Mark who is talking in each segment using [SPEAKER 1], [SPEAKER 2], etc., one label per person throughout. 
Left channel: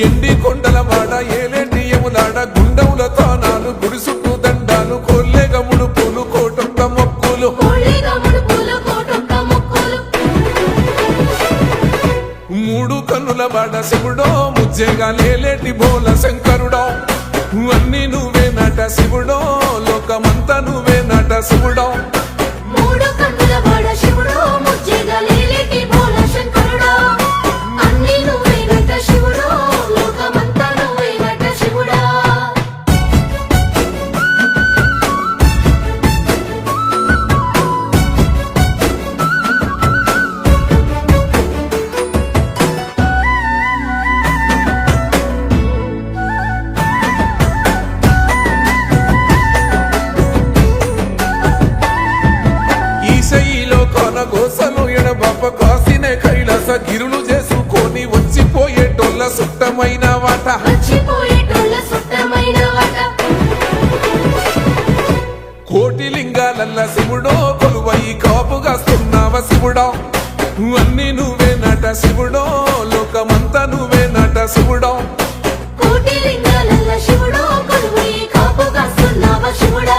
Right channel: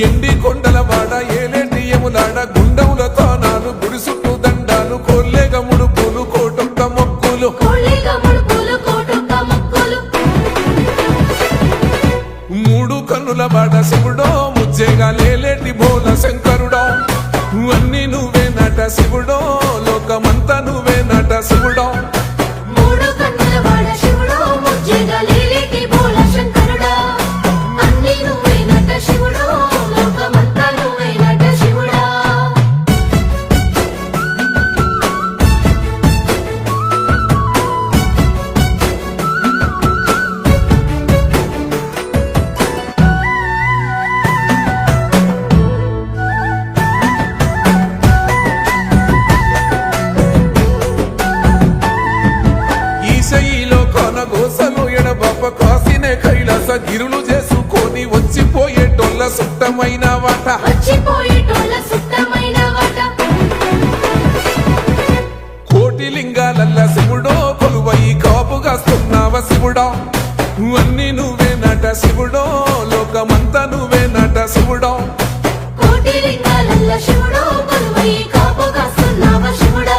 [SPEAKER 1] ఎండి కొండల వాడ ఏలేటి యములాడ గుండముల తానాలు గుడి చుట్టూ దండాలు కొల్లేగ ముడుపులు కోటొక్క మొక్కులు. మూడు కన్నుల బాడ శివుడో ముజ్జేగా లేలేటి బోల శంకరుడో. అన్ని నువ్వే నట శివుడో లోకమంతా నువ్వే నట శివుడో. కొనగోసలు ఎడబాప కాసినే కైలాస గిరులు చేసుకొని వచ్చిపోయేటోళ్ళ సుట్టమైన వాట. కోటి లింగాలల్ల శివుడో కొలువై కాపుగాస్తున్నావ శివుడో. అన్ని నువ్వే నట శివుడో లోకమంతా నువ్వే నట శివుడో.
[SPEAKER 2] కోటి లింగాలల్ల శివుడో కొలువై కాపుగాస్తున్నావ శివుడా.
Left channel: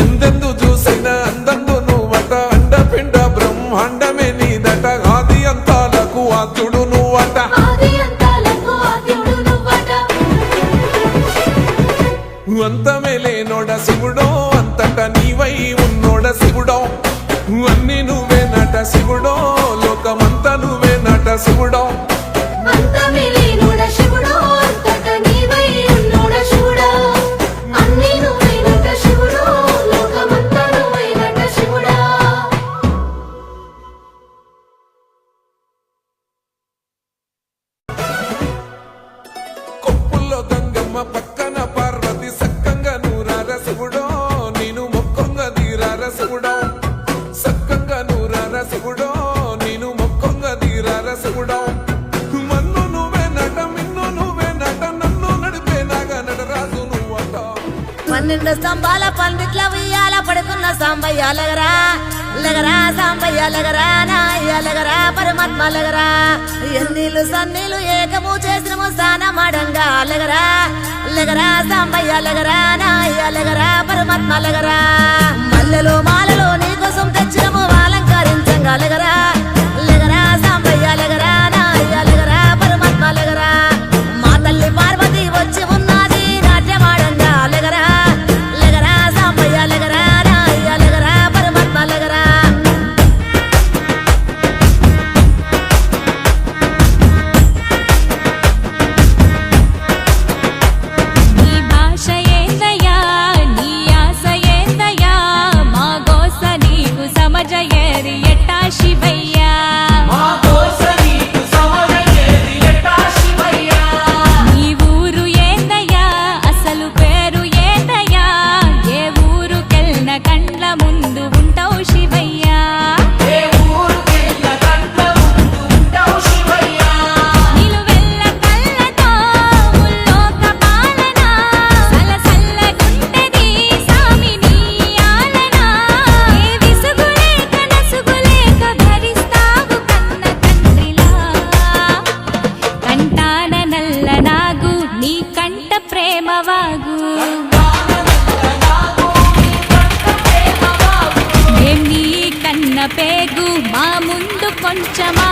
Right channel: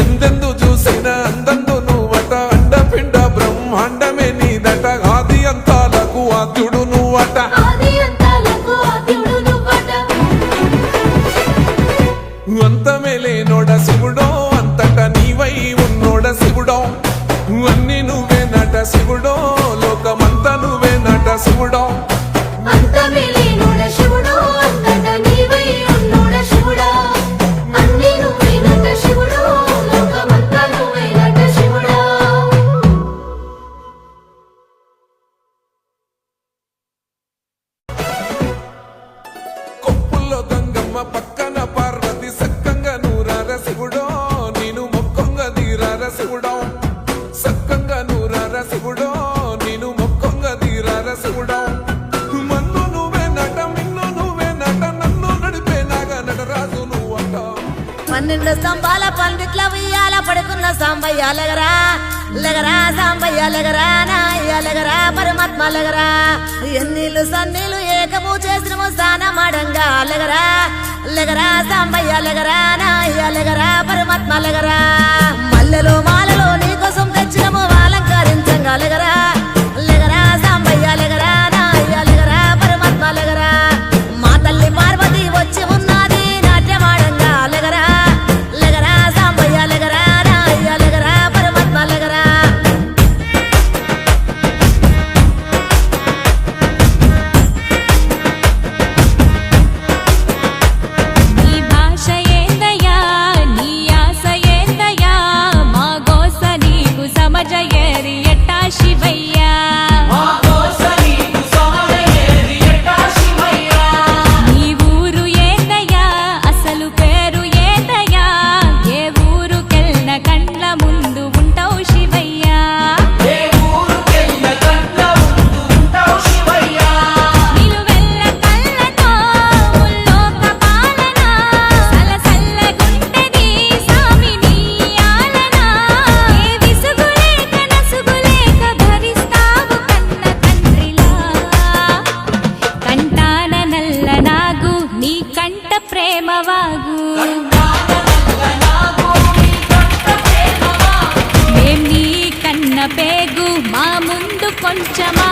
[SPEAKER 1] ఎందెందు చూసినా అందందు నువ్వట అండపిండ బ్రహ్మాండమే నీదట. ఆది అంతాలకు ఆద్యుడు నువ్వట. అంతమే లేనోడ శివుడో అంతట నీవై ఉన్నోడ శివుడో. అన్ని నువ్వే నట శివుడో లోకమంతా నువ్వే నట శివుడో.
[SPEAKER 2] అంతమే లేనుడ శివుడో
[SPEAKER 1] నూరార శివుడో నేను మొక్కొంగ దీరార శివుడో. సక్కంగా నూరార శివుడో నేను మొక్కొంగ దీరార శివుడో. మన్ను నువ్వే నట మిన్ను నువ్వే నట నన్ను నడిపే నాగా నటరాజు నువ్వట.
[SPEAKER 3] పన్నెండు స్తంభాల పండిట్ల ఉయ్యాల పడుకున్న సాంబయ్యాలగరా లగరా. లగరా సాంబయ్య లగరా నాయ్య లగరా పరమాత్మ లగరా. ఎన్నీళ్ళు సన్నీళ్ళు ఏకము చేసిన లగరా సాంబయ్య లగరా నాయ్య లెగరా పరమాత్మ లెగరా మల్లెలో మాలలో నీకోసం తెచ్చినము అలంకరించంగా లగరా లగరా సాంబయ్య లెగరా
[SPEAKER 4] నీకు సమజయేరి ఎట్టా శివయ్యా? ప్రేమవాగు. మేం నీ కన్న పేగు మా ముందు కొంచెమా